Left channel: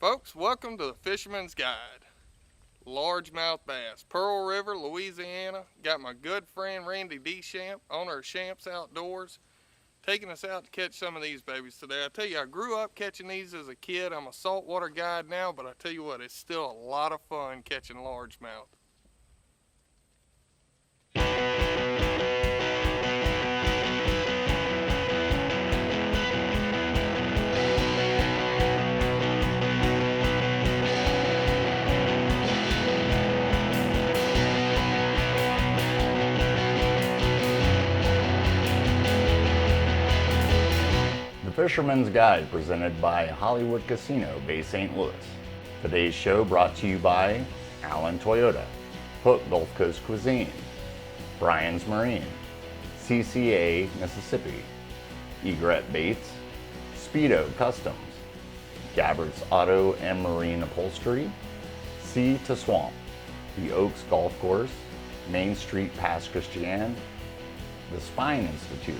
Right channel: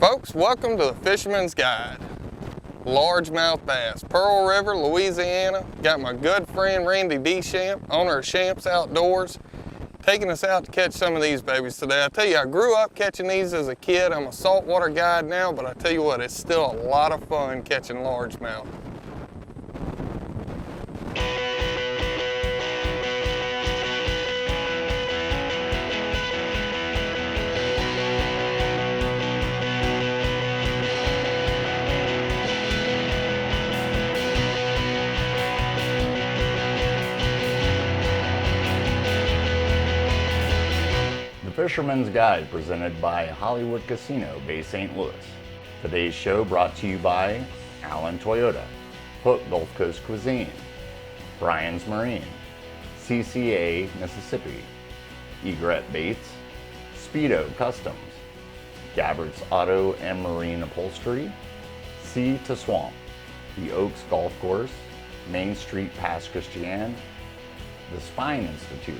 Folks, welcome to the Fisherman's Guide. Largemouth bass, Pearl River, Louisiana. Got my good friend Randy D. Shamp, owner of Shamp's Outdoors, taking us out to catch some of these babies today. I tell you, I grew up catching these as a kid. I'm a saltwater guide now, but I tell you what, it's still a lot of fun catching largemouth. The Fisherman's Guide presented by Hollywood Casino, Bay St. Louis. Today's show brought to you by Allen Toyota, Hook Gulf Coast Cuisine, Brian's Marine, CCA Mississippi, Egret Baits, Speedo Customs, Gabbard's Auto and Marine Upholstery, Sea to Swamp, the Oaks Golf Course, Main Street Pass Christian, the Spine Institute,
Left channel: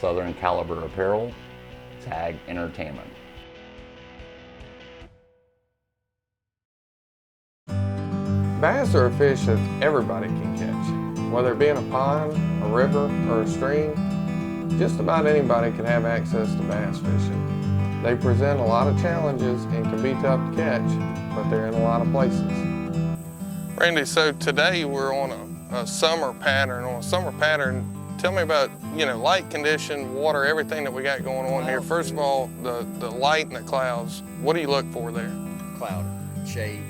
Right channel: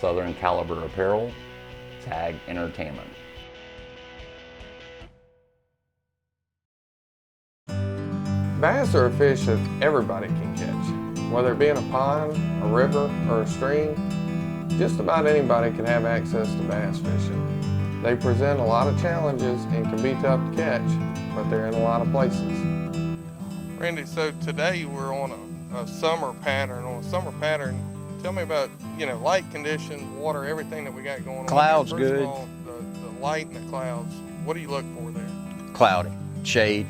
Southern Caliber Apparel, Tag Entertainment. Bass are a fish that everybody can catch. Whether it be in a pond, a river, or a stream, just about anybody can have access to bass fishing. They present a lot of challenges and can be tough to catch, but they're in a lot of places. Randy, so today we're on a summer pattern. On a summer pattern, tell me about, light condition, water, everything that we got going on here. First of all, the light and the clouds, what do you look for there? Cloudy, shade.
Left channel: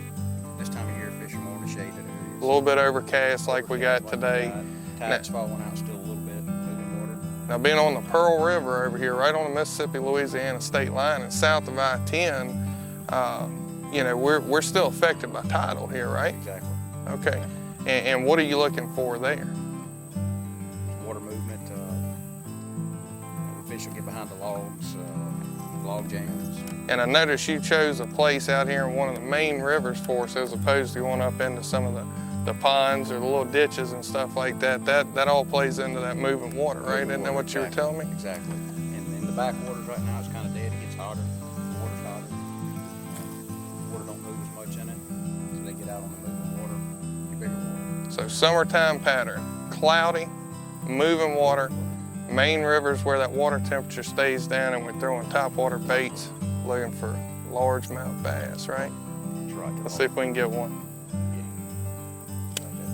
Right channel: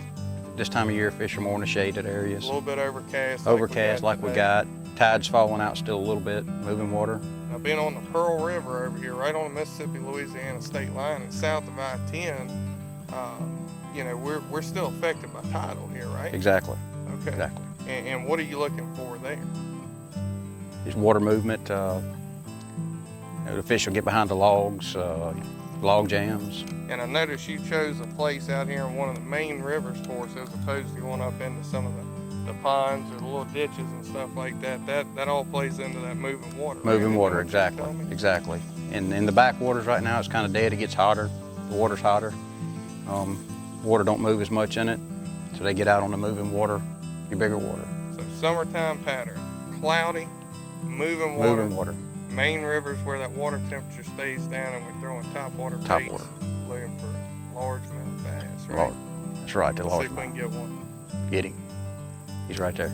This time of year, fish are more in the shaded areas. A little bit overcast like we got today. Tide's falling out still a little bit, moving water. Now being on the Pearl River over here, right on the Mississippi-Louisiana state line and south of I-10, we're still affected by tidal here, right? Exactly. Okay. Exactly. And what are you looking for there? Just water movement. The fish will get behind the logs, log jams. And I noticed you chose a place out here in one of the main rivers for us as opposed to going up into some of the ponds or the little ditches and stuff like that. That all plays into that moving water, right? Moving water, what exactly. You're telling me? Exactly. And in the backwaters right now, it's kind of dead. It gets hotter. The water's hotter. Water don't move as much in it, so they get out on the moving water, your bigger water. So summertime pattern, cloudy, moving water. Main rivers where that water temperature stays down and we're throwing topwater baits looking for largemouth bass, right? That's right. Let's see if we can get one. Get him. He's right there.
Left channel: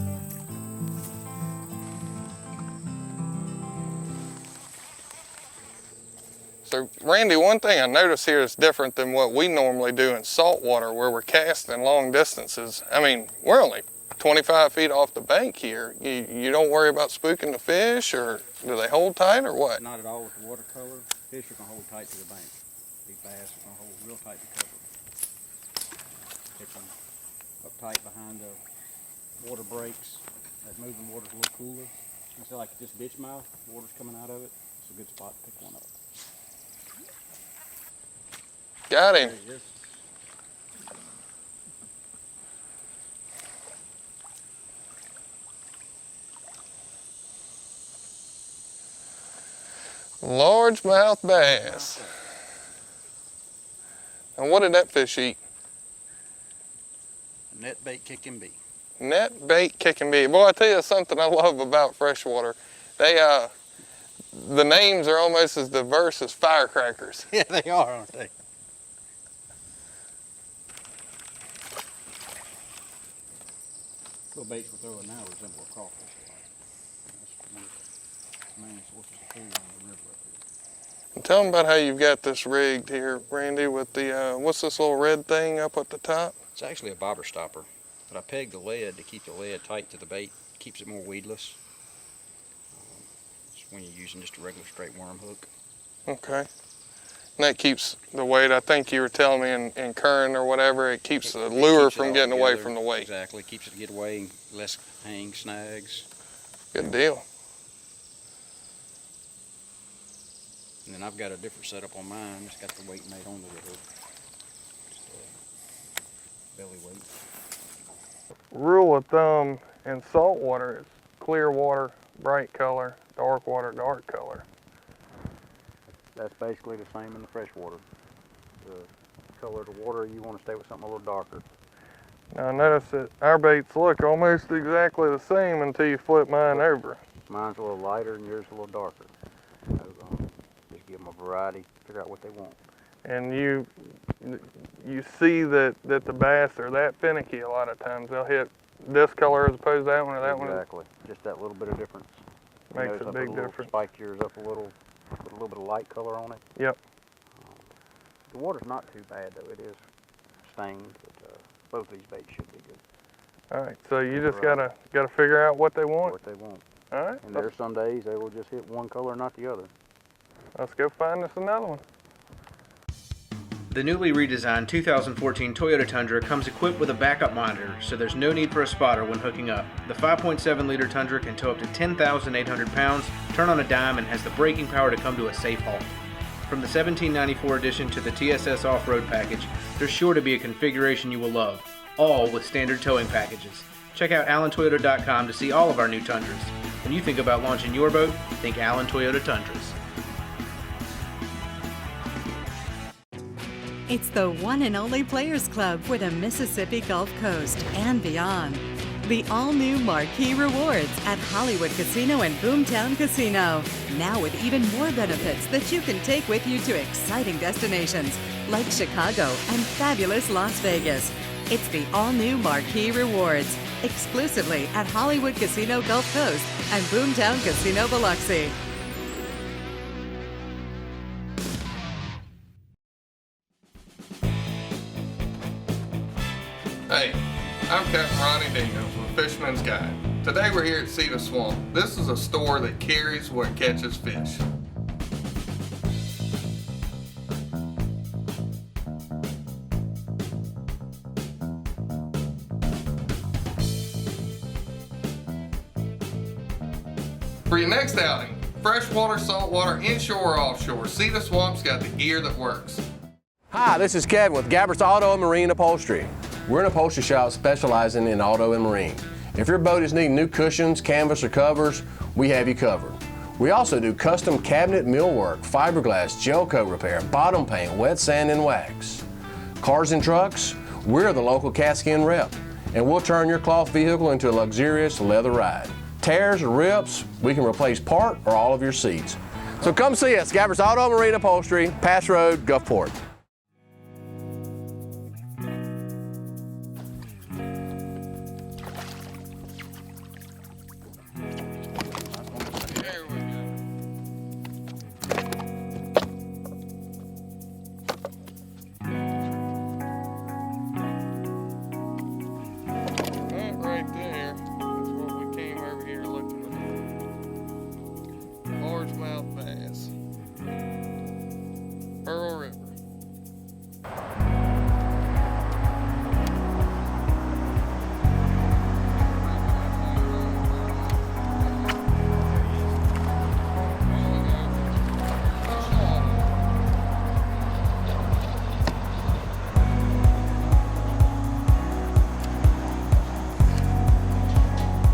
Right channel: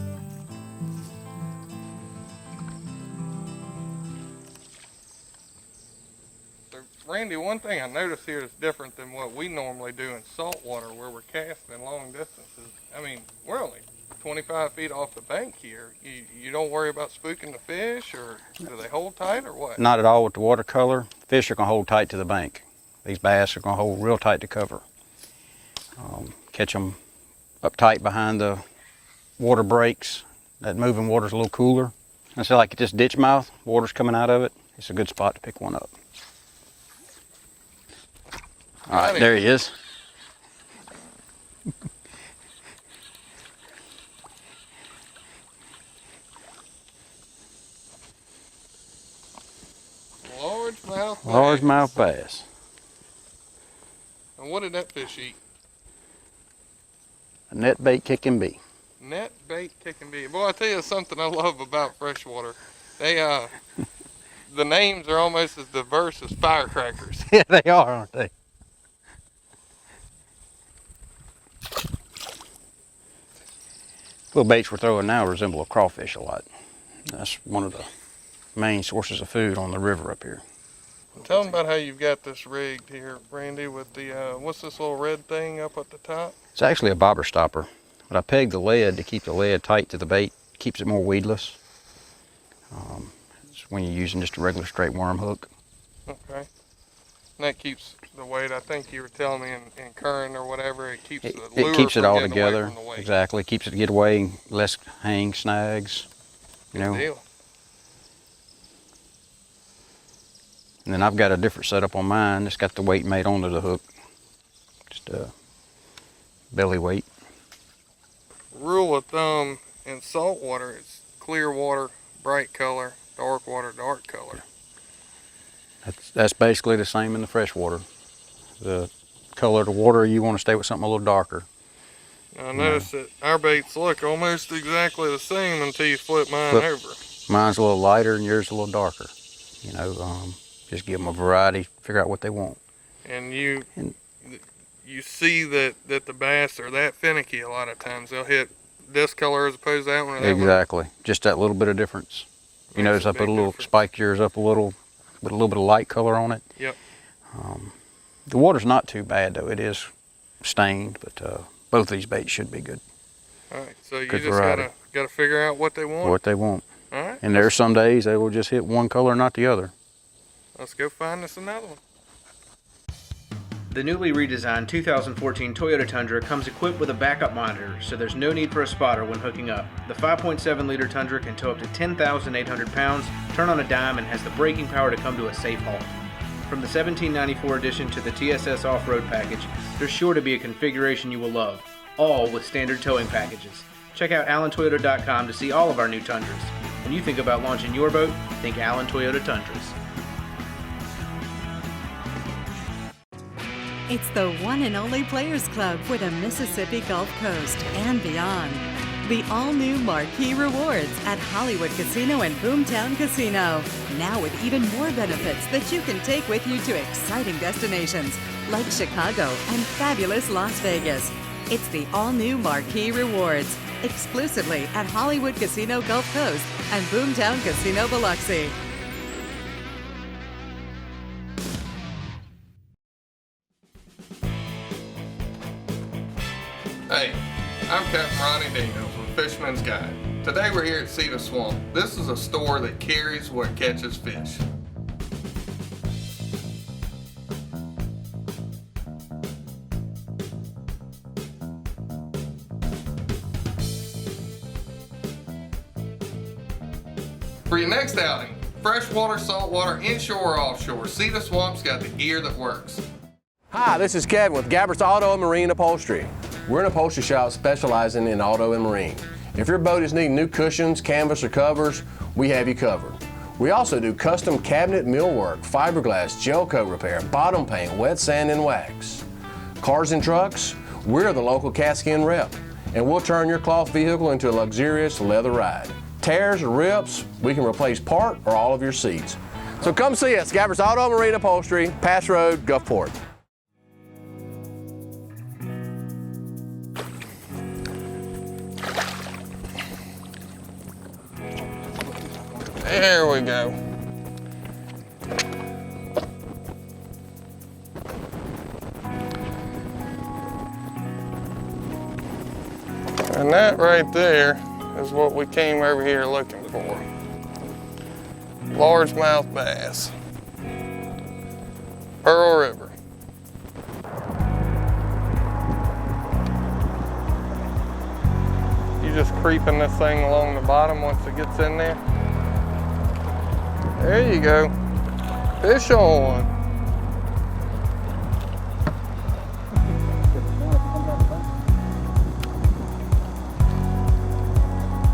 So Randy, one thing I notice here is different than what we normally do in saltwater where we're casting long distances. I mean, we're only 25 feet off the bank here. You don't worry about spooking the fish, or do they hold tight or what? Not at all with the watercolor. Fish are gonna hold tight to the bank. These bass are gonna hold real tight to cover. Catch them up tight behind the water breaks. That moving water's a little cooler. I say like this ditch mouth, water's coming out of it. It's a good spot to pick one up. Got it. There he is. Largemouth bass. Largemouth bass. And what did that fish eat? A net bait kicking bee. Net bait kicking bee. Boy, I tell you something I love about freshwater. The names are almost as diverse as firecrackers. Yeah, they are, aren't they? Little baits we're throwing now resemble a crawfish a lot. That's one of the main sources of food on the river up here. Tell them about how you've got this rigged here, Randy, with the, what's this little red thing up at the top? It's actually a bobber stopper, but I pegged the lead to keep the lead tight to the bait, keeps it more weedless. It's when you're using just a regular straight worm hook. Okay. And that keeps the weight, I think you were telling me in current or whatever, it keeps the lure from getting away from the weight. Exactly, keeps it to get away, less hang, snags. Good deal. And then I've got a different setup on mine. It's got the weight made onto the hook. Just a belly weight. Rule of thumb in salt water is clear water, bright color, dark water, dark color. That's basically the same in the freshwater. The color of the water, you want to stay with something a little darker. Now, I noticed that our baits look almost exactly the same until you flip mine over. Mine's a little lighter and yours a little darker. You know, just give them a variety, figure out what they want. And you see that the bass are that finicky a lot of times. They'll hit this color as opposed to that one. Exactly, just that little bit of difference. You notice I put a little, spiked yours up a little, with a little bit of light color on it. Yep. The water's not too bad though. It is stained, but both these baits should be good. All right, so you Good just variety. gotta figure out what they want. What they want. All right. And there's some days they will just hit one color, not the other. Let's go find us another one. The newly redesigned 2014 Toyota Tundra comes equipped with a backup monitor, so there's no need for a spotter when hooking up. The 5.7-liter Tundra can tow up to 10,800 pounds, turn on a dime, and has the braking power to come to a safe halt. From the 1794 edition to the TSS off-road package, there's sure to be a configuration you will love, all with standard towing packages. Check out allentoyota.com to see all of our new Tundras. When you think about launching your boat, think Allen Toyota Tundras. It's the one and only Players Club for the Mississippi Gulf Coast and beyond. The all-new Marquee Rewards at Hollywood Casino and Boomtown Casino. Now with even more benefits that you can take with you to exciting destinations like Chicago and fabulous Las Vegas. It's the all-new Marquee Rewards, exclusively at Hollywood Casino Gulf Coast and Boomtown Casino Biloxi. Hey, I'm Captain Ronnie Daniels with Fisherman's Guide. Today we're here at Cedar Swamp. This is a store that carries what catches fish. For your next outing, freshwater, saltwater, inshore, or offshore, Cedar Swamp's got the gear that works. Hi, this is Kevin with Gabbert's Auto and Marine Upholstery. We're an upholstery shop specializing in auto and marine. If your boat is needing new cushions, canvas, or covers, we have you covered. We also do custom cabinet millwork, fiberglass, gel coat repair, bottom paint, wet sand, and wax. Cars and trucks, we're the local Catskin rep, and we'll turn your cloth vehicle into a luxurious leather ride. Tears or rips, we can replace part or all of your seats. So come see us, Gabbert's Auto and Marine Upholstery, Pass Road, Gulfport. There we go. And that right there is what we came over here looking for. Largemouth bass. Pearl River. You just creeping this thing along the bottom once it gets in there. There you go. Fish on.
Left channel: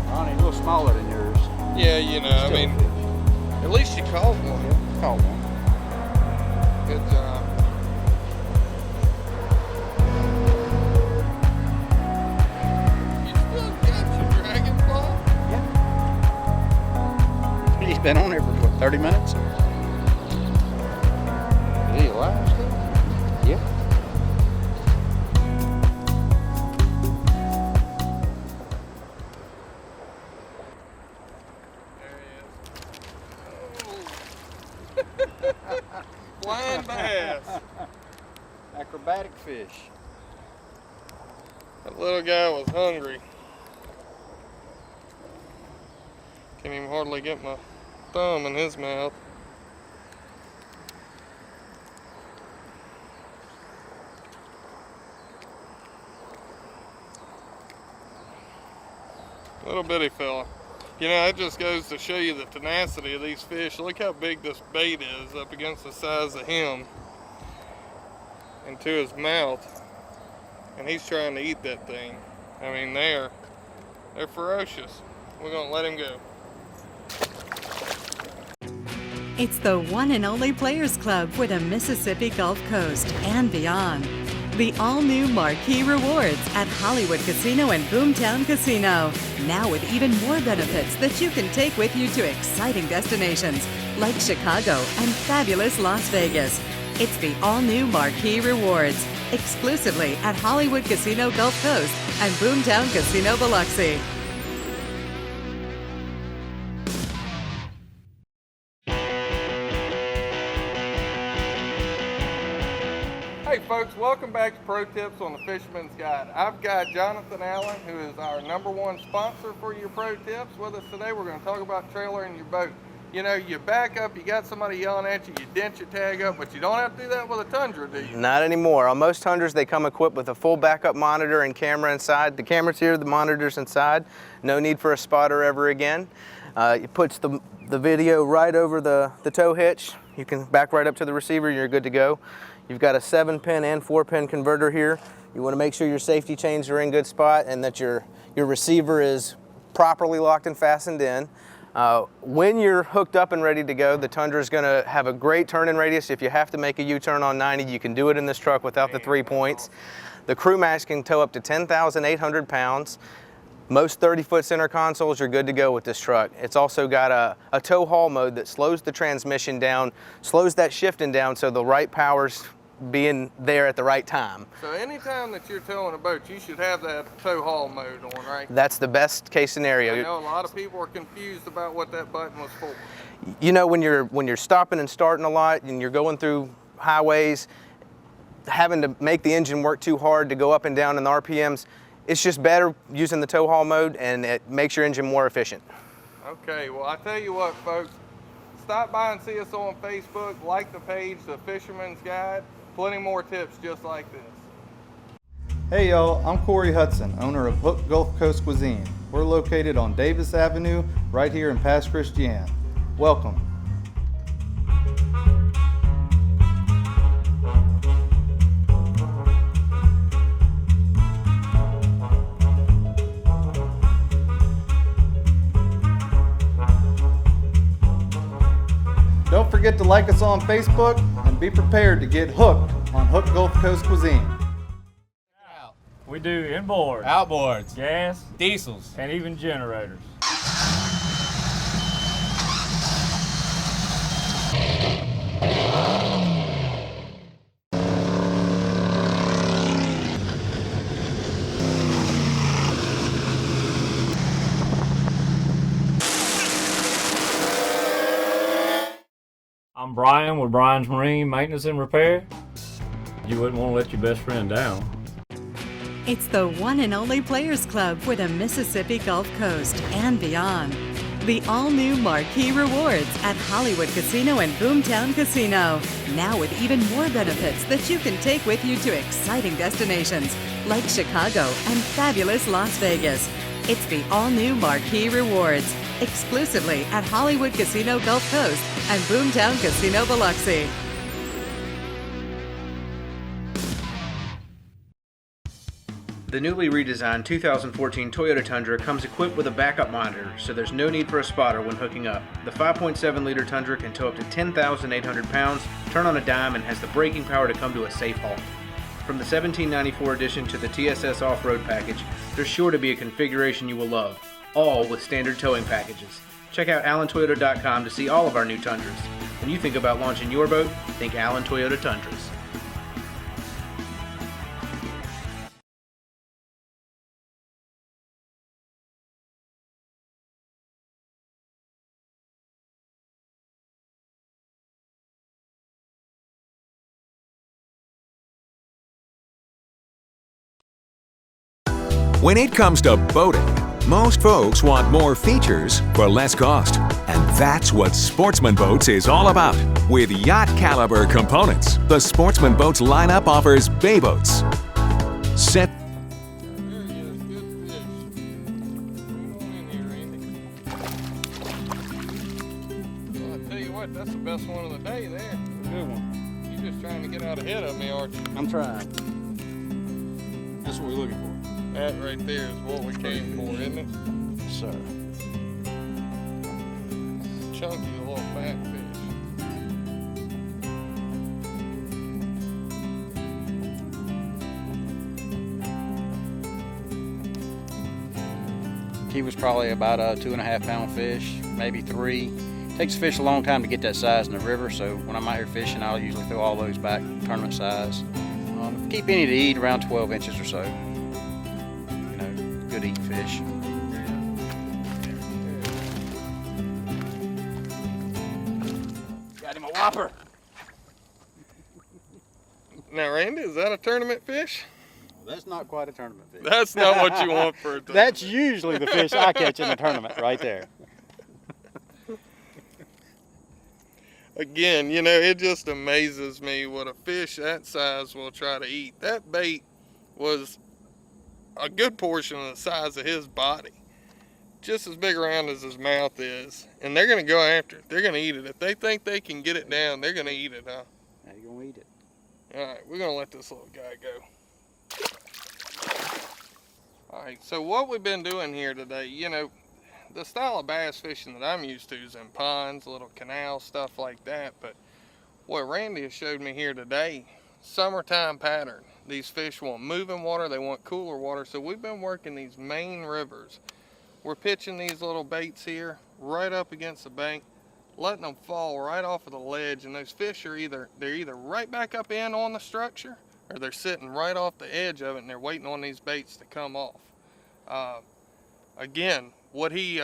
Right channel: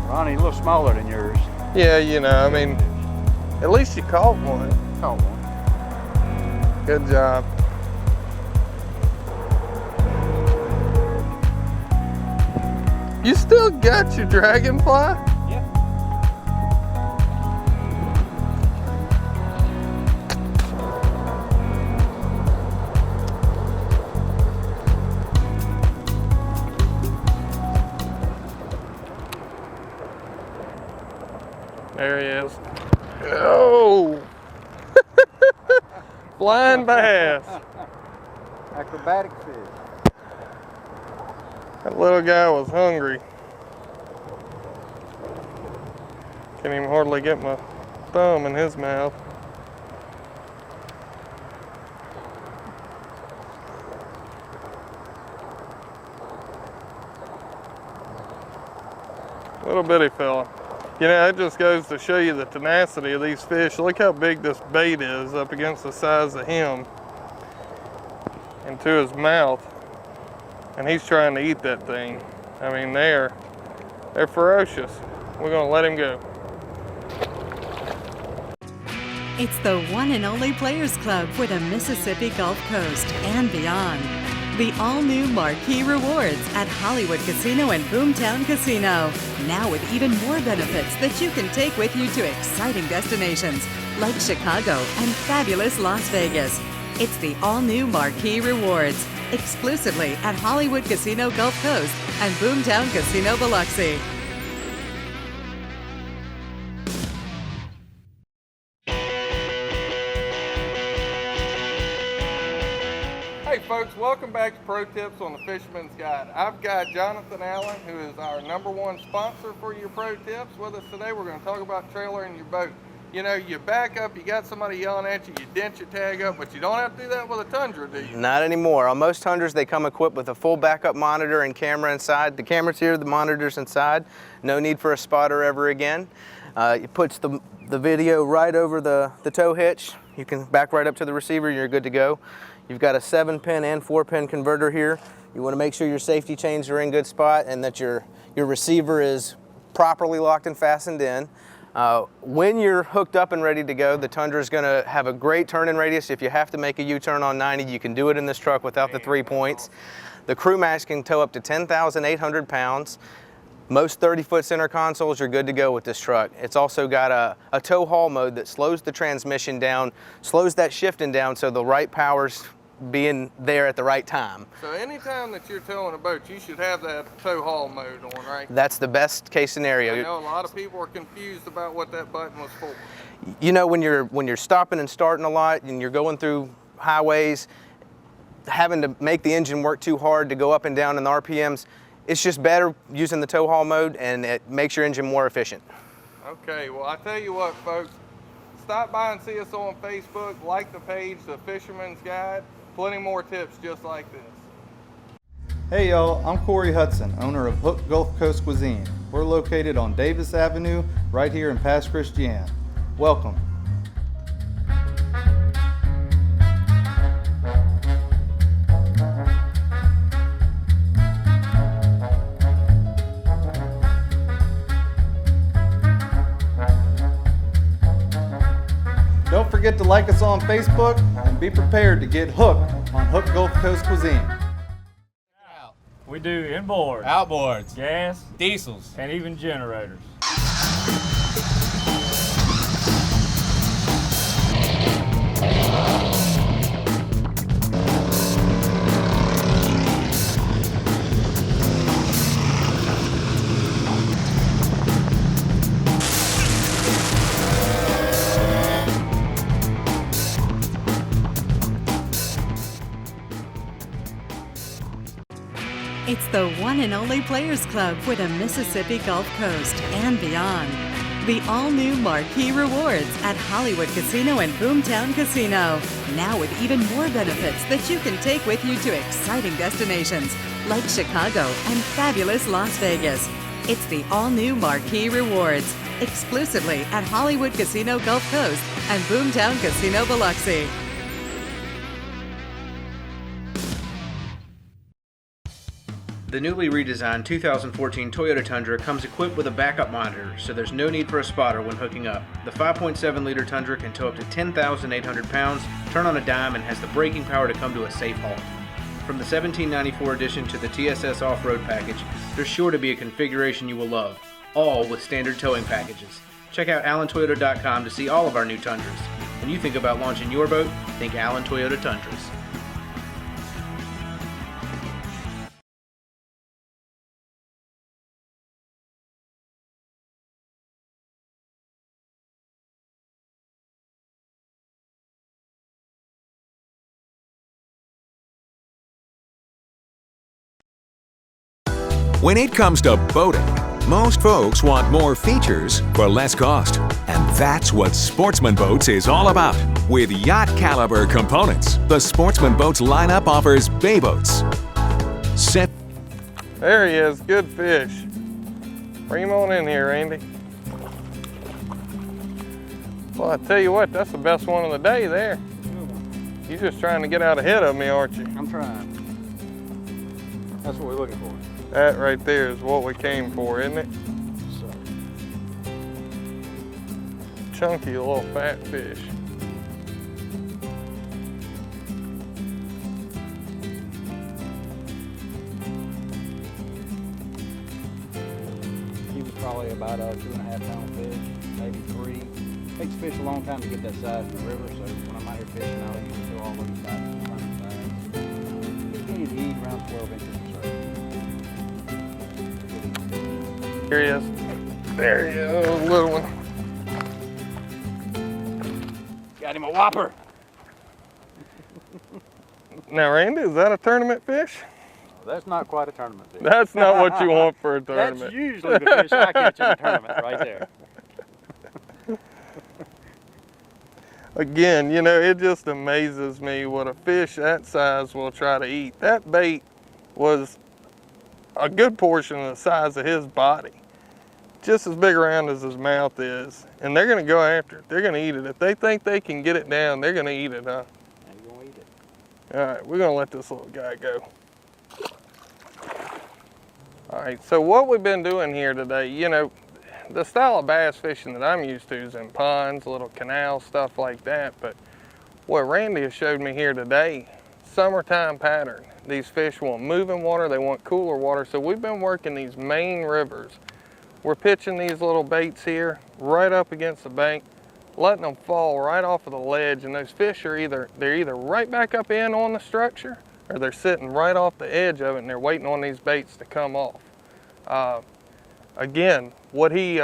Ronnie, a little smaller than yours. Yeah, you know, I mean, at least you caught one. Caught one. Good job. You still got your dragonfly? He's been on there for 30 minutes. There he is. Oh! Blind bass. Acrobatic fish. That little guy was hungry. Can't even hardly get my thumb in his mouth. Little bitty fella. You know, that just goes to show you the tenacity of these fish. Look how big this bait is up against the size of him into his mouth. And he's trying to eat that thing. I mean, they're ferocious. We're gonna let him go. It's the one and only Players Club for the Mississippi Gulf Coast and beyond. The all-new Marquee Rewards at Hollywood Casino and Boomtown Casino. Now with even more benefits that you can take with you to exciting destinations like Chicago and fabulous Las Vegas. It's the all-new Marquee Rewards, exclusively at Hollywood Casino Gulf Coast and Boomtown Casino Biloxi. Hey folks, welcome back to Pro Tips on the Fisherman's Guide. I've got Jonathan Allen, who is our #1 sponsor for your Pro Tips, with us today. We're going to talk about trailering your boat. You know, you back up, you got somebody yelling at you, you dent your tag up, but you don't have to do that with a Tundra, do you? Not anymore. On most Tundras, they come equipped with a full backup monitor and camera inside. The camera's here, the monitor's inside. No need for a spotter ever again. It puts the video right over the tow hitch. You can back right up to the receiver, you're good to go. You've got a 7-pin and 4-pin converter here. You want to make sure your safety chains are in good spot and that your receiver is properly locked and fastened in. When you're hooked up and ready to go, the Tundra is going to have a great turning radius. If you have to make a U-turn on 90, you can do it in this truck without the 3 points. The crew max can tow up to 10,800 pounds. Most 30-foot center consoles, you're good to go with this truck. It's also got a tow haul mode that slows the transmission down, slows that shifting down so the right power's being there at the right time. So anytime that you're towing a boat, you should have that tow haul mode on, right? That's the best case scenario. I know a lot of people are confused about what that button was for. You know, when you're stopping and starting a lot and you're going through highways, having to make the engine work too hard to go up and down in the RPMs, it's just better using the tow haul mode, and it makes your engine more efficient. Okay, well, I tell you what, folks, stop by and see us on Facebook, like the page, The Fisherman's Guide. Plenty more tips just like this. Hey y'all, I'm Corey Hudson, owner of Hook Gulf Coast Cuisine. We're located on Davis Avenue, right here in Pass Christian. Welcome. Don't forget to like us on Facebook and be prepared to get hooked on Hook Gulf Coast Cuisine. We do inboard, Outboards, gas, diesels. and even generators. I'm Brian with Brian's Marine Maintenance and Repair. You wouldn't want to let your best friend down. It's the one and only Players Club for the Mississippi Gulf Coast and beyond. The all-new Marquee Rewards at Hollywood Casino and Boomtown Casino. Now with even more benefits that you can take with you to exciting destinations like Chicago and fabulous Las Vegas. It's the all-new Marquee Rewards, exclusively at Hollywood Casino Gulf Coast and Boomtown Casino Biloxi. The newly redesigned 2014 Toyota Tundra comes equipped with a backup monitor, so there's no need for a spotter when hooking up. The 5.7-liter Tundra can tow up to 10,800 pounds, turn on a dime, and has the braking power to come to a safe halt. From the 1794 edition to the TSS off-road package, there's sure to be a configuration you will love, all with standard towing packages. Check out AllenToyota.com to see all of our new Tundras. When you think about launching your boat, think Allen Toyota Tundras. When it comes to boating, most folks want more features for less cost. And that's what Sportsman Boats is all about. With yacht caliber components, the Sportsman Boats lineup offers bay boats. There he is, good fish. Bring him on in here, Andy. Well, I tell you what, that's the best one of the day there. You're just trying to get out ahead of me, aren't you? I'm trying. That's what we're looking for. That right there is what we came for, isn't it? Sir. Chunky little fat fish. He was probably about a 2.5 pound fish, maybe 3. Takes the fish a long time to get that size in the river, so when I'm out here fishing, I'll usually throw all those back tournament size. Keep any to eat around 12 inches or so. You know, good eating fish. Here he is. There he is, little one. Got him a whopper. Now, Randy, is that a tournament fish? That's not quite a tournament fish. That's not what you want for a tournament. That's usually the fish I catch in a tournament right there. Again, you know, it just amazes me what a fish that size will try to eat. That bait was a good portion of the size of his body, just as big around as his mouth is, and they're going to go after it. They're going to eat it. If they think they can get it down, they're going to eat it, huh? They're going to eat it. All right, we're going to let this little guy go. All right, so what we've been doing here today, you know, the style of bass fishing that I'm used to is in ponds, little canals, stuff like that. But what Randy has showed me here today, summertime pattern. These fish want moving water, they want cooler water. So we've been working these main rivers. We're pitching these little baits here right up against the bank, letting them fall right off of the ledge. And those fish are they're either right back up in on the structure, or they're sitting right off the edge of it and they're waiting on these baits to come off. Again, what he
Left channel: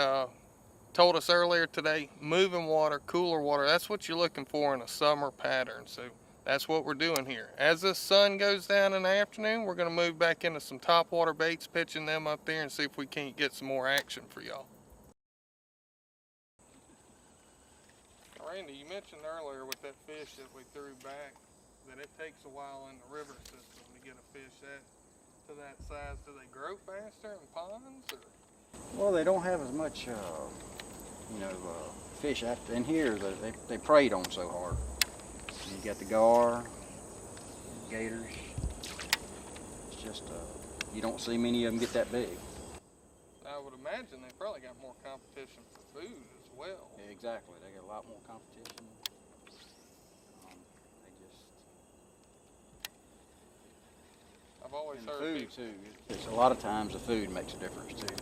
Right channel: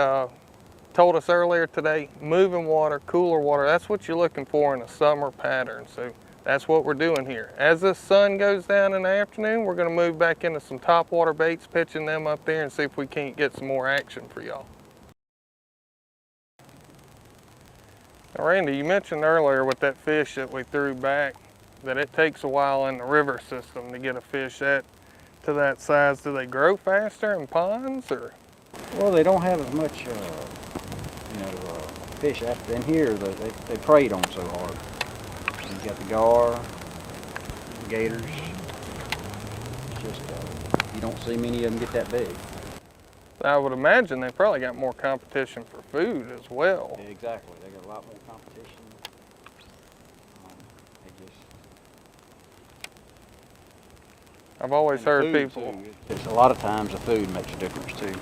told us earlier today, moving water, cooler water, that's what you're looking for in a summer pattern. So that's what we're doing here. As the sun goes down in the afternoon, we're gonna move back into some topwater baits, pitching them up there and see if we can't get some more action for y'all. Now, Randy, you mentioned earlier with that fish that we threw back, that it takes a while in the river system to get a fish to that size. Do they grow faster in ponds, or? Well, they don't have as much, fish after in here that they preyed on so hard. You got the gar, the gators. It's just, you don't see many of them get that big. I would imagine they probably got more competition for food as well. Yeah, exactly. They got a lot more competition. I've always heard people. A lot of times the food makes a difference too.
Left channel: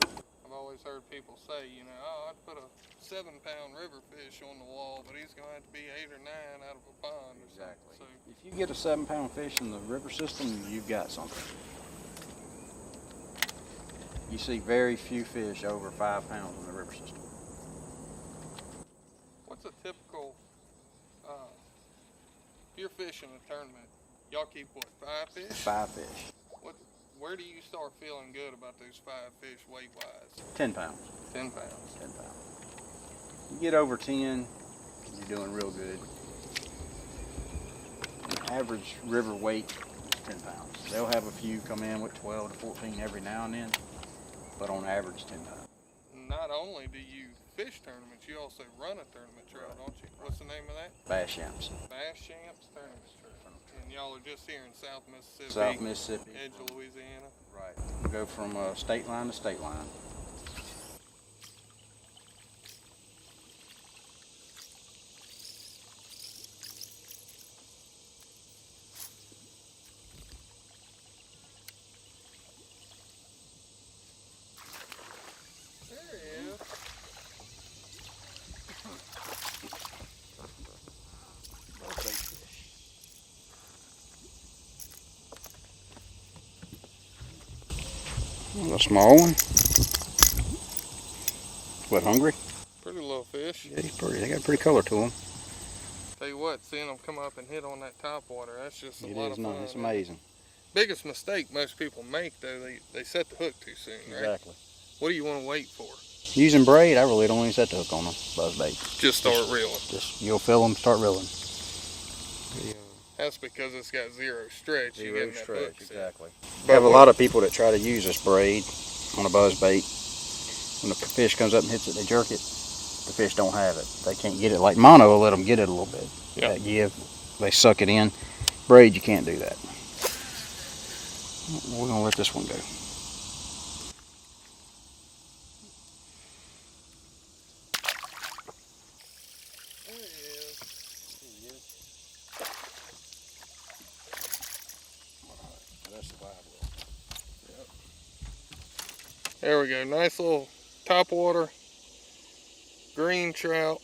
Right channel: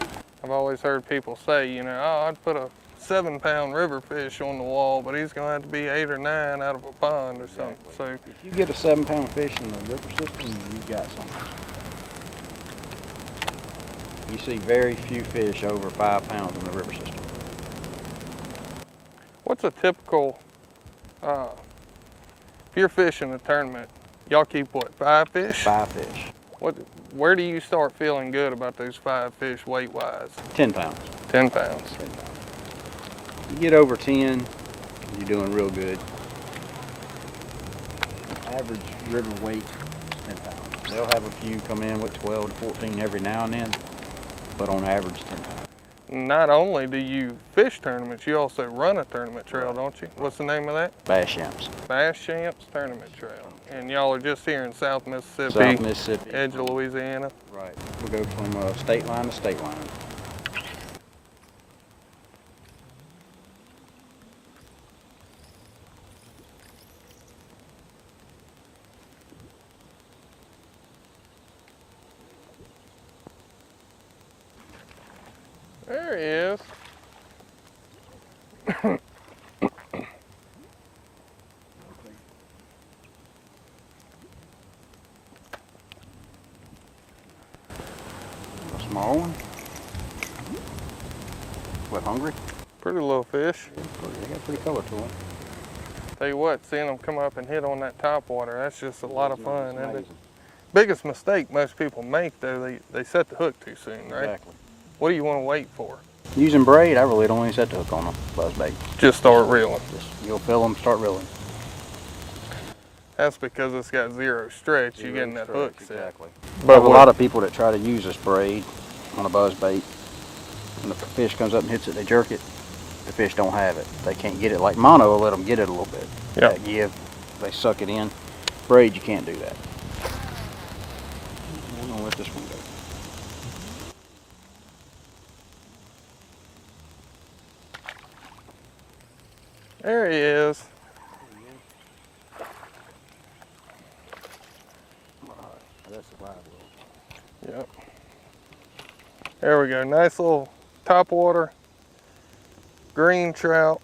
I've always heard people say, you know, oh, I'd put a 7-pound river fish on the wall, but he's gonna have to be 8 or 9 out of a pond or something. So if you get a 7-pound fish in the river system, you've got something. You see very few fish over 5 pounds in the river system. what's a typical, if you're fishing a tournament, y'all keep what, 5 fish? 5 fish. Where do you start feeling good about those 5 fish weight-wise? 10 pounds. 10 pounds. 10 pounds. You get over 10, you're doing real good. Average river weight, 10 pounds. They'll have a few come in with 12 to 14 every now and then, but on average, 10 pounds. Not only do you fish tournaments, you also run a tournament trail, don't you? What's the name of that? Bass Shamps. Bass Shamps Tournament Trail. And y'all are just here in South Mississippi. South Mississippi. Edge of Louisiana. Right. We go from state line to state line. There he is. A small one. What, hungry? Pretty little fish. Yeah, he's pretty. They got a pretty color to them. Tell you what, seeing them come up and hit on that top water, that's just a lot of fun. It's amazing. Biggest mistake most people make, though, they set the hook too soon, right? Exactly. What do you want to wait for? Using braid, I really don't even set the hook on them, buzzbait. Just start reeling. Just, you'll feel them, start reeling. That's because it's got zero stretch. You're getting that hook set. Exactly. But I have a lot of people that try to use this braid on a buzzbait. When the fish comes up and hits it, they jerk it. The fish don't have it. They can't get it. Like mono will let them get it a little bit. Yeah. That give, they suck it in. Braid, you can't do that. We're gonna let this one go. There he is. That's the live. Yep. There we go. Nice little topwater green trout,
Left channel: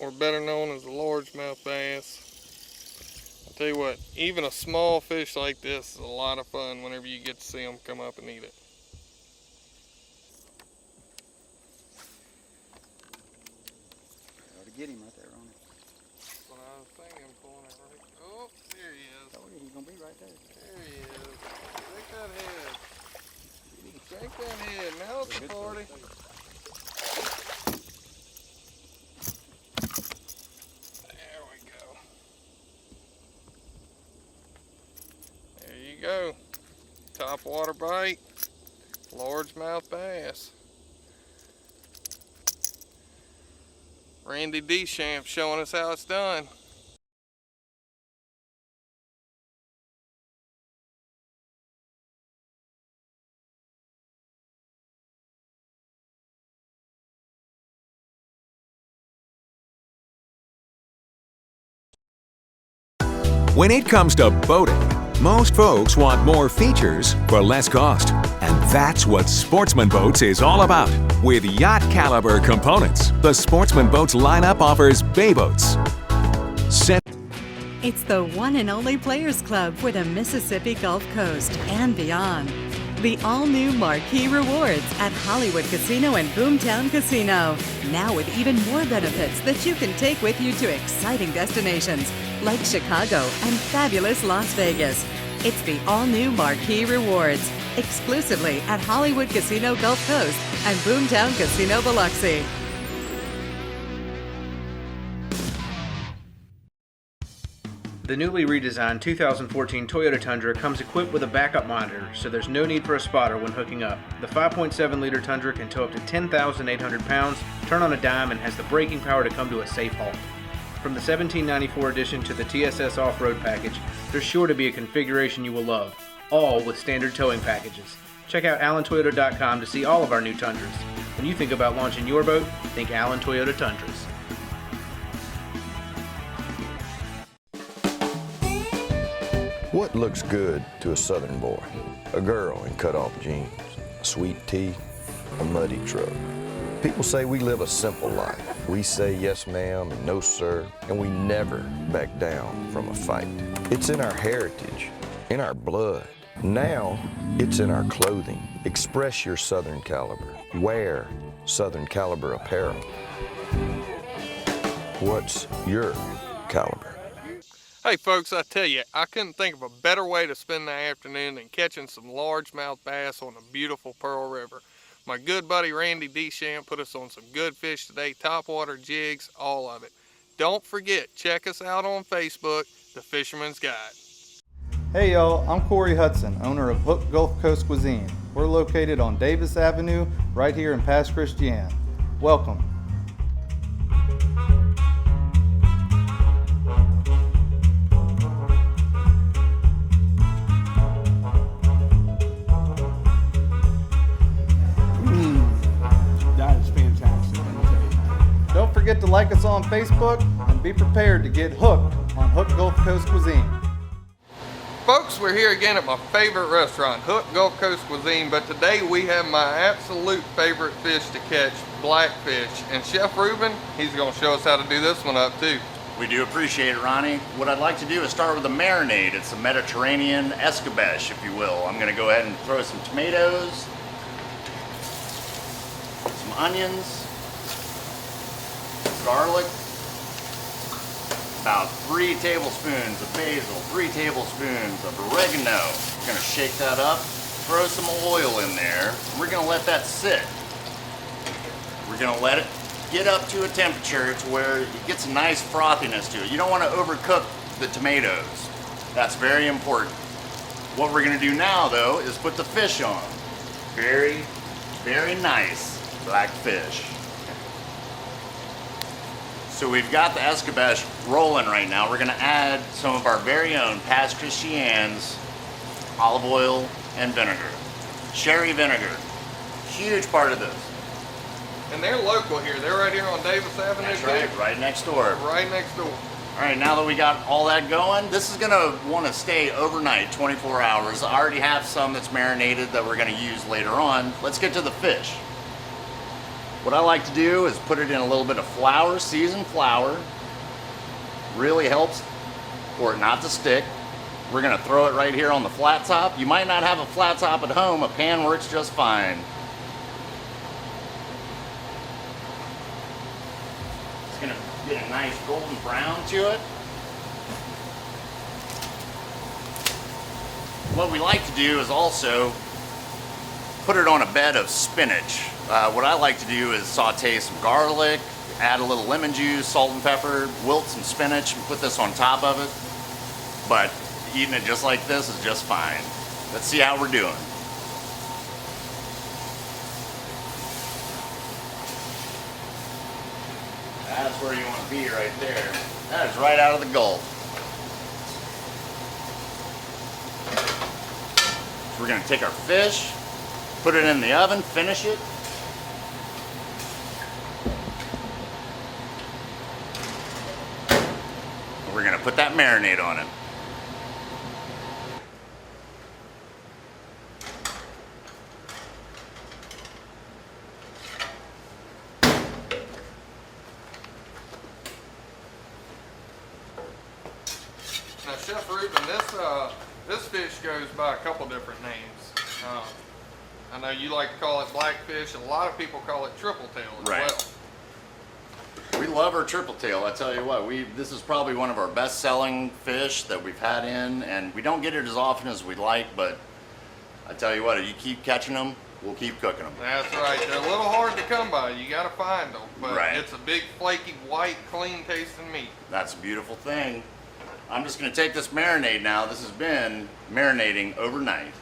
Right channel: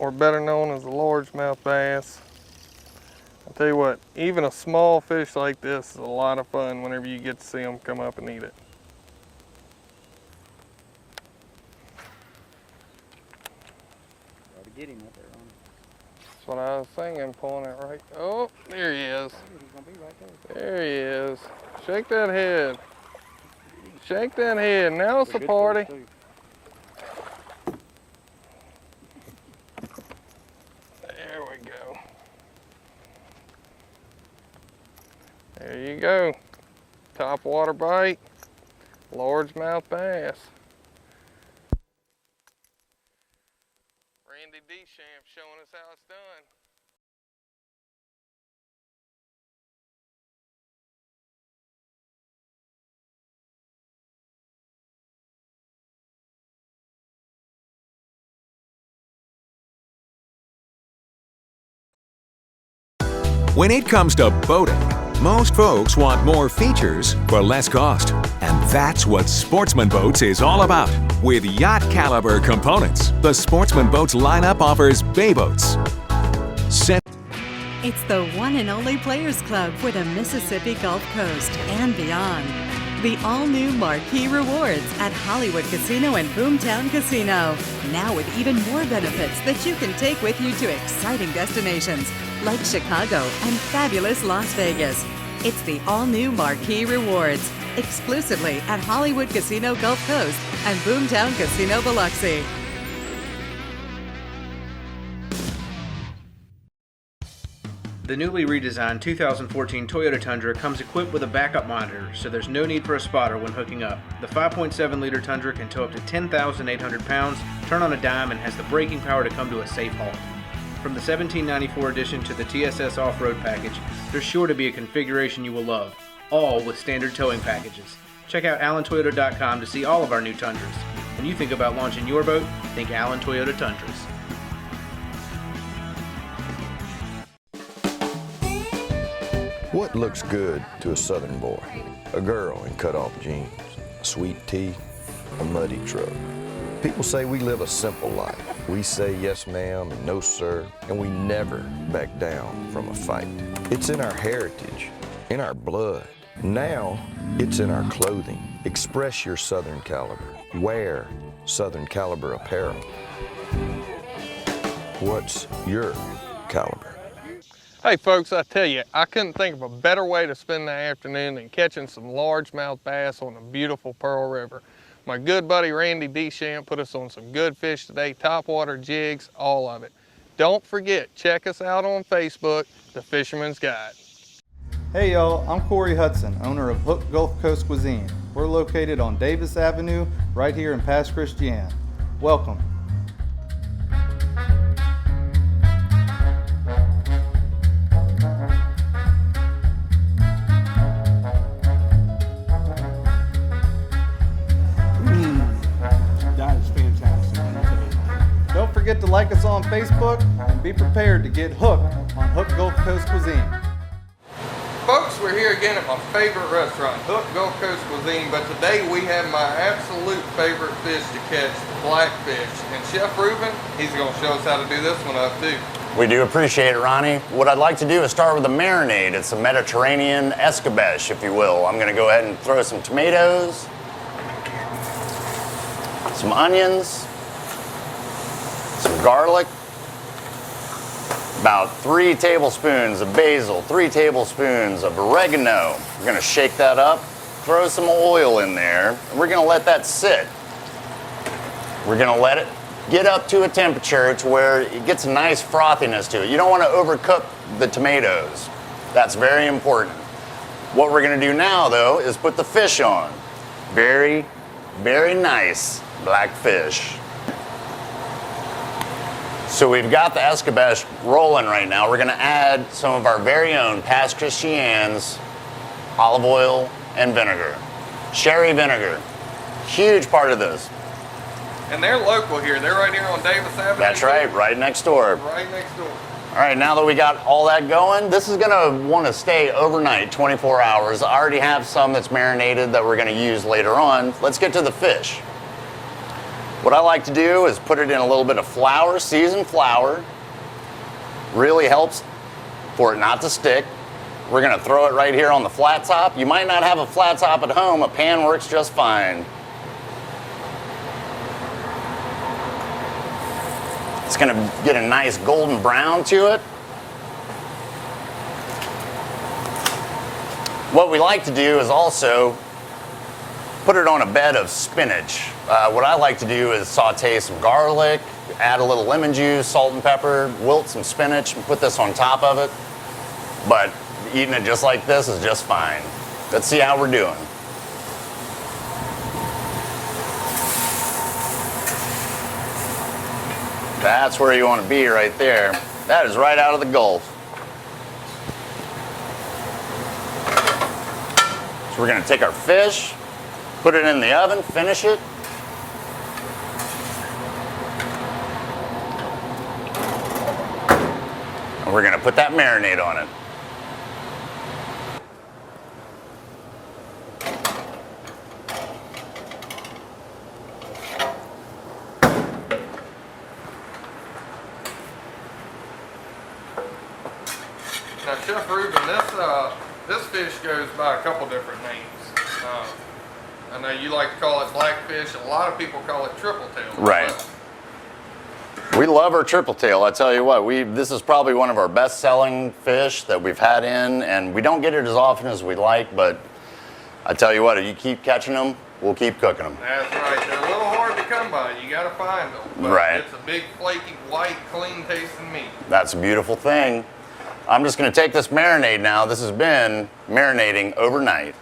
or better known as the largemouth bass. I'll tell you what, even a small fish like this is a lot of fun whenever you get to see them come up and eat it. Get him up there on That's what I was thinking, pulling it right. Oh, there he is. He's gonna be right there. There he is. Shake that head. Shake that head. Now it's a party. There we go. There you go. Top water bite. Largemouth bass. Randy Deschamps showing us how it's done. When it comes to boating, most folks want more features for less cost. And that's what Sportsman Boats is all about. With yacht caliber components, the Sportsman Boats lineup offers bay boats. It's the one and only Players Club for the Mississippi Gulf Coast and beyond. The all-new Marquee Rewards at Hollywood Casino and Boomtown Casino. Now with even more benefits that you can take with you to exciting destinations like Chicago and fabulous Las Vegas. It's the all-new Marquee Rewards, exclusively at Hollywood Casino Gulf Coast and Boomtown Casino Biloxi. The newly redesigned 2014 Toyota Tundra comes equipped with a backup monitor, so there's no need for a spotter when hooking up. The 5.7-liter Tundra can tow up to 10,800 pounds, turn on a dime, and has the braking power to come to a safe halt. From the 1794 edition to the TSS off-road package, there's sure to be a configuration you will love, all with standard towing packages. Check out AllenToyota.com to see all of our new Tundras. When you think about launching your boat, think Allen Toyota Tundras. What looks good to a southern boy? A girl in cut-off jeans, a sweet tea, a muddy truck. People say we live a simple life. We say yes ma'am and no sir, and we never back down from a fight. It's in our heritage, in our blood. Now, it's in our clothing. Express your Southern caliber. Wear Southern caliber apparel. What's your caliber? Hey folks, I tell you, I couldn't think of a better way to spend the afternoon than catching some largemouth bass on the beautiful Pearl River. My good buddy Randy Deschamps put us on some good fish today, topwater jigs, all of it. Don't forget, check us out on Facebook, The Fisherman's Guide. Hey y'all, I'm Corey Hudson, owner of Hook Gulf Coast Cuisine. We're located on Davis Avenue, right here in Pass Christian. Welcome. That is fantastic, let me tell you. Don't forget to like us on Facebook and be prepared to get hooked on Hook Gulf Coast Cuisine. Folks, we're here again at my favorite restaurant, Hook Gulf Coast Cuisine, but today we have my absolute favorite fish to catch, blackfish. And Chef Ruben, he's gonna show us how to do this one up too. We do appreciate it, Ronnie. What I'd like to do is start with a marinade. It's a Mediterranean escabeche, if you will. I'm gonna go ahead and throw some tomatoes, some onions, some garlic, about 3 tablespoons of basil, 3 tablespoons of oregano. We're gonna shake that up, throw some oil in there, and we're gonna let that sit. We're gonna let it get up to a temperature to where it gets a nice frothiness to it. You don't wanna overcook the tomatoes. That's very important. What we're gonna do now, though, is put the fish on. Very, very nice black fish. So we've got the escabeche rolling right now. We're gonna add some of our very own Pass Christian's olive oil and vinegar. Sherry vinegar, huge part of this. And they're local here. They're right here on Davis Avenue. That's right, right next door. Right next door. All right, now that we got all that going, this is gonna wanna stay overnight, 24 hours. I already have some that's marinated that we're gonna use later on. Let's get to the fish. What I like to do is put it in a little bit of flour, seasoned flour. Really helps for it not to stick. We're gonna throw it right here on the flat top. You might not have a flat top at home, a pan works just fine. It's gonna get a nice golden brown to it. What we like to do is also put it on a bed of spinach. What I like to do is saute some garlic, add a little lemon juice, salt and pepper, wilt some spinach, and put this on top of it. But eating it just like this is just fine. Let's see how we're doing. That's where you want to be right there. That is right out of the Gulf. So we're going to take our fish, put it in the oven, finish it. And we're going to put that marinade on it. Now, Chef Reuben, this fish goes by a couple different names. I know you like to call it blackfish. A lot of people call it triple tail. Right. We love our triple tail. I tell you what, this is probably one of our best selling fish that we've had in, and we don't get it as often as we'd like, but I tell you what, if you keep catching them, we'll keep cooking them. That's right. They're a little hard to come by. You got to find them. But right. It's a big, flaky, white, clean tasting meat. That's a beautiful thing. I'm just going to take this marinade now. This has been marinating overnight.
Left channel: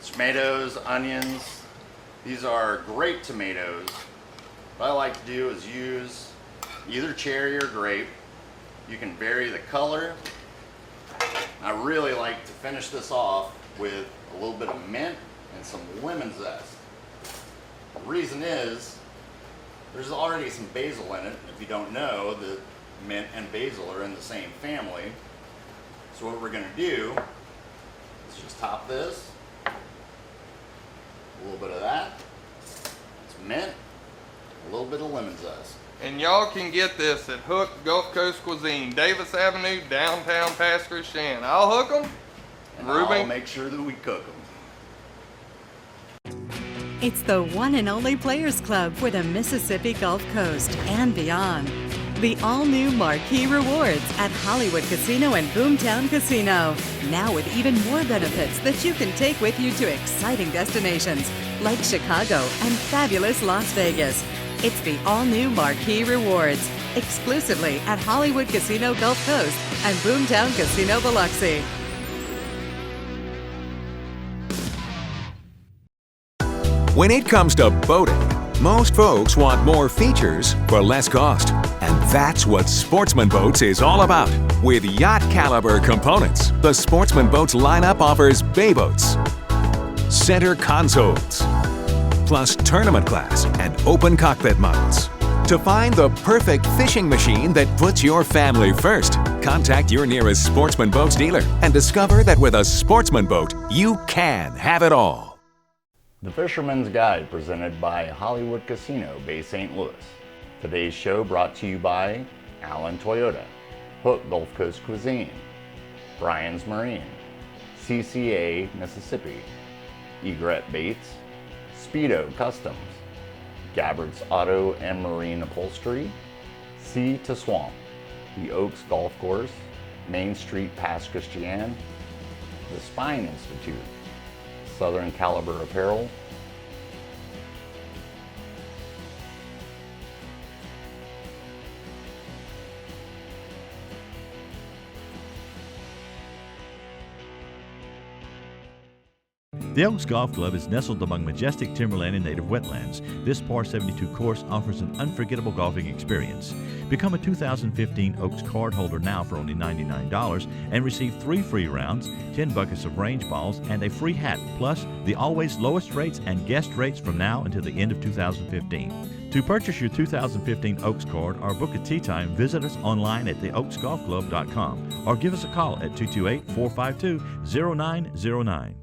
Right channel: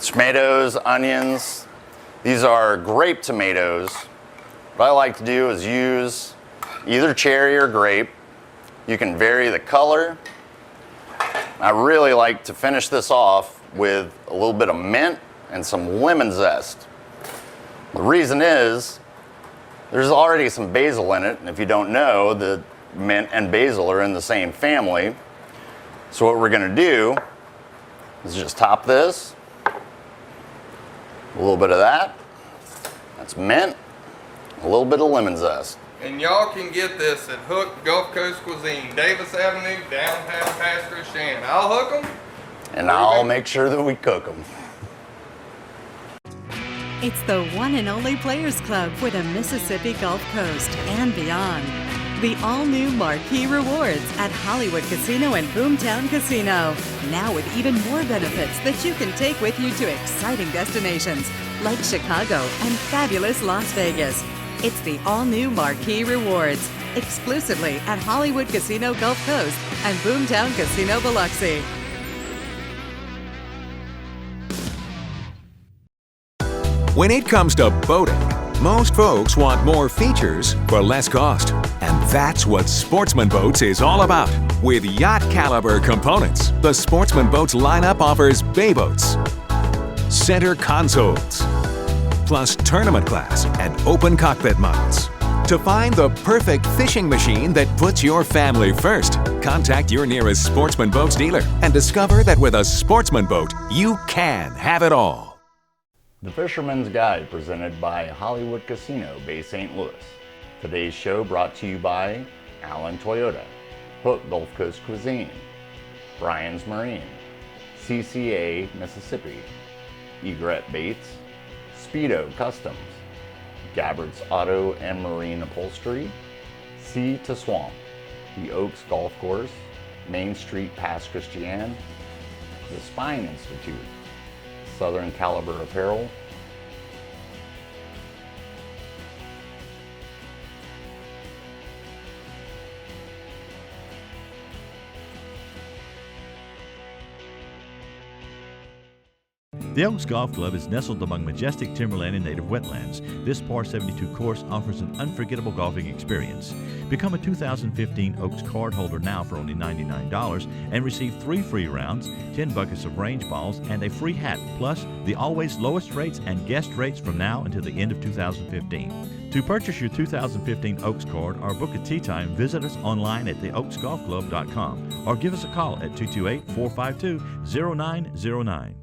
Tomatoes, onions. These are grape tomatoes. What I like to do is use either cherry or grape. You can vary the color. I really like to finish this off with a little bit of mint and some lemon zest. The reason is there's already some basil in it, and if you don't know, the mint and basil are in the same family. So what we're gonna do is just top this, a little bit of that, that's mint, a little bit of lemon zest. And y'all can get this at Hook Gulf Coast Cuisine, Davis Avenue, downtown Pass Christian. I'll hook them. And I'll make sure that we cook them. It's the one and only Players Club for the Mississippi Gulf Coast and beyond. The all-new Marquee Rewards at Hollywood Casino and Boomtown Casino. Now with even more benefits that you can take with you to exciting destinations like Chicago and fabulous Las Vegas. It's the all-new Marquee Rewards, exclusively at Hollywood Casino Gulf Coast and Boomtown Casino Biloxi. When it comes to boating, most folks want more features for less cost. And that's what Sportsman Boats is all about. With yacht caliber components, the Sportsman Boats lineup offers bay boats, center consoles, plus tournament class and open cockpit models. To find the perfect fishing machine that puts your family first, contact your nearest Sportsman Boats dealer and discover that with a Sportsman Boat, you can have it all. The Fisherman's Guide presented by Hollywood Casino, Bay St. Louis. Today's show brought to you by Allen Toyota, Hook Gulf Coast Cuisine, Brian's Marine, CCA Mississippi, Egret Baits, Speedo Customs, Gabbard's Auto and Marine Upholstery, Sea to Swamp, the Oaks Golf Course, Main Street Pass Christian, the Spine Institute, Southern Caliber Apparel, The Oaks Golf Club is nestled among majestic timberland and native wetlands. This par 72 course offers an unforgettable golfing experience. Become a 2015 Oaks card holder now for only $99 and receive 3 free rounds, 10 buckets of range balls, and a free hat, plus the always lowest rates and guest rates from now until the end of 2015. To purchase your 2015 Oaks card or book a tee time, visit us online at theoaksgolfclub.com or give us a call at 228-452-0909.